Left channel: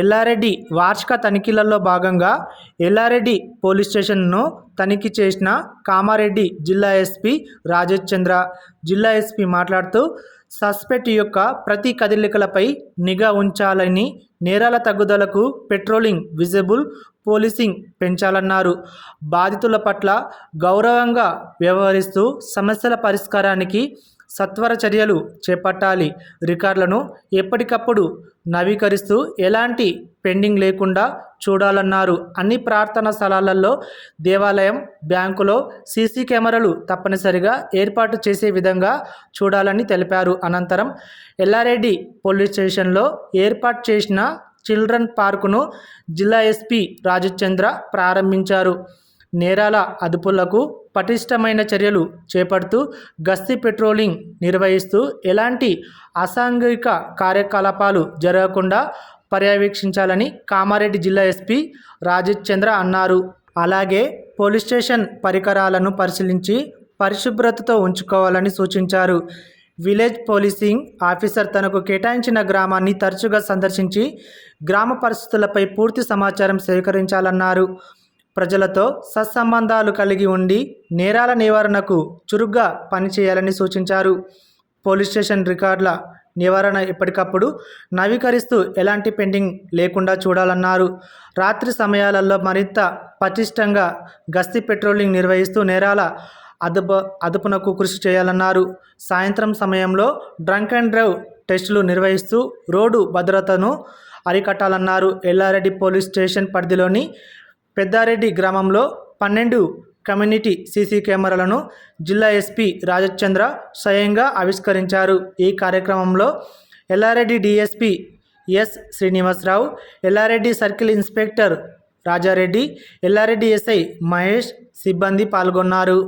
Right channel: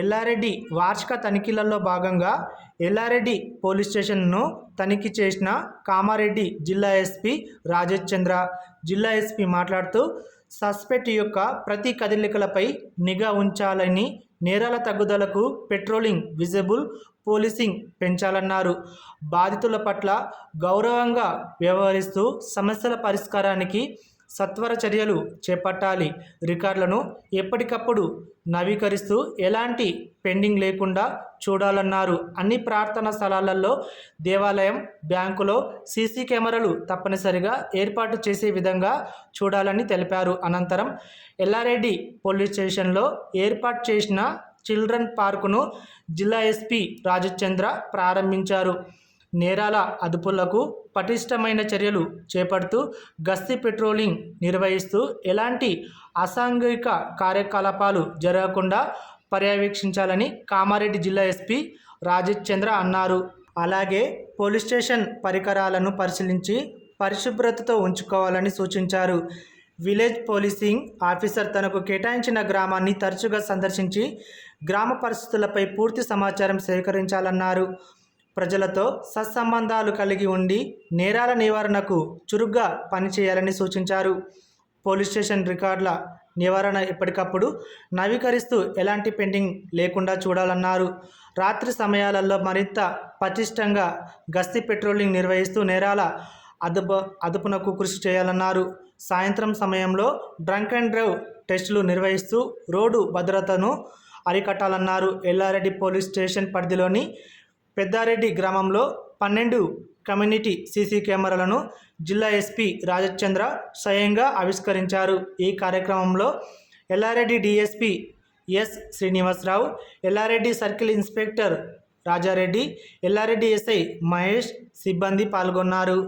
ఎల్లారెడ్డి వార్షిక తనిఖీలలో భాగంగా ఎల్లారెడ్డి పోలీస్ స్టేషన్ను తనిఖీ చేసిన కామారెడ్డి జిల్లా ఎస్పీ రాజేష్ చంద్ర. జిల్లా ఎస్పీ మాట్లాడుతూ సస్పెక్ట్ యొక్క ప్రతి కదలికలపై నిఘా ఉంచాలని నేరాల తగ్గుదలకు పెట్రోలింగ్ విజిబుల్ పోలీసింగ్ పెంచాలన్నారు. బాధితుల పట్ల గౌరవంగా వ్యవహరిస్తూ సమస్యల పరిష్కారానికి సత్వర చర్యలు చేపట్టాలి. రికార్డులను ఎప్పటికప్పుడు నవీకరిస్తూ ఎలాంటి పెండింగ్ లేకుండా చూడాలన్నారు. అన్ని ప్రార్థనా స్థలాలలో దేవాలయం బ్యాంకులో సీసీ కెమెరాలు తప్పనిసరిగా ఏర్పాటు చేసే విధంగా చూడాలని తెలిపారు. అనంతరం ఎల్లారెడ్డి పోలీస్ స్టేషన్లో ఏర్పాటు చేసిన చిల్డ్రన్ పార్కును జిల్లా ఎస్పీ రాజచంద్ర ప్రారంభించారు. నేరాల అదుపులకు పటిష్టమైన చర్యలు చేపడుతూ గస్తీ పెట్రోలింగ్ నిర్వహిస్తూ ఎలాంటి అసాంఘిక కార్యకలాపాలు జరగకుండా పర్యవేక్షించాలని కామారెడ్డి జిల్లా ఎస్పీ రాజేష్ చంద్ర అన్నారు. అలాగే పోలీస్ స్టేషన్ పరికరాలను పరిశీలించి పరిశుభ్రతతో ఉంచుకోవాలని సూచించారు. విలేజ్ పోలీసింగ్ ఆఫీసర్ తనకు కేటాయించిన గ్రామాన్ని తరచుగా సందర్శించి గ్రామ పరిస్థితులపై పూర్తి సమాచారం సేకరించాలన్నారు. ప్రజలతో సత్సంబంధాలు కలిగి ఉండి నేరాల నివారణకు చురుగ్గా పనిచేయాలని సూచించారు. పోలీస్ స్టేషన్ రికార్డుల నివారణ ఎప్పటికప్పుడు నవీకరిస్తూ ఎలాంటి పెండింగ్ లేకుండా చూడాలన్నారు. రాత్రి సమయాలలో మరింత పటిష్టంగా గస్తీ పెట్రోలింగ్ నిర్వహిస్తూ నేరాల అదుపు అదుపునకు కృషి చేయాలన్నారు. సాయంత్రం సమయంలో డ్రంక్ అండ్ డ్రైవ్ టెస్టులు నిర్వహిస్తూ రోడ్డు భద్రతను అరికట్టాలన్నారు. ఎల్లారెడ్డి పోలీస్ స్టేషన్ పరిధిలోని పెద్దారెడ్డి గ్రామంలో పన్నెండు కమ్యూనిటీ సీసీ కెమెరాలను జిల్లా ఎస్పీ రాజచంద్ర స్వయంగా ఆవిష్కరించారు. ఈ కార్యక్రమంలో Yellareddy DSP S Srinivasarao Yellareddy circle inspector Rajareddy Yellareddy SI Mahesh సిబ్బంది పాల్గొన్నారు.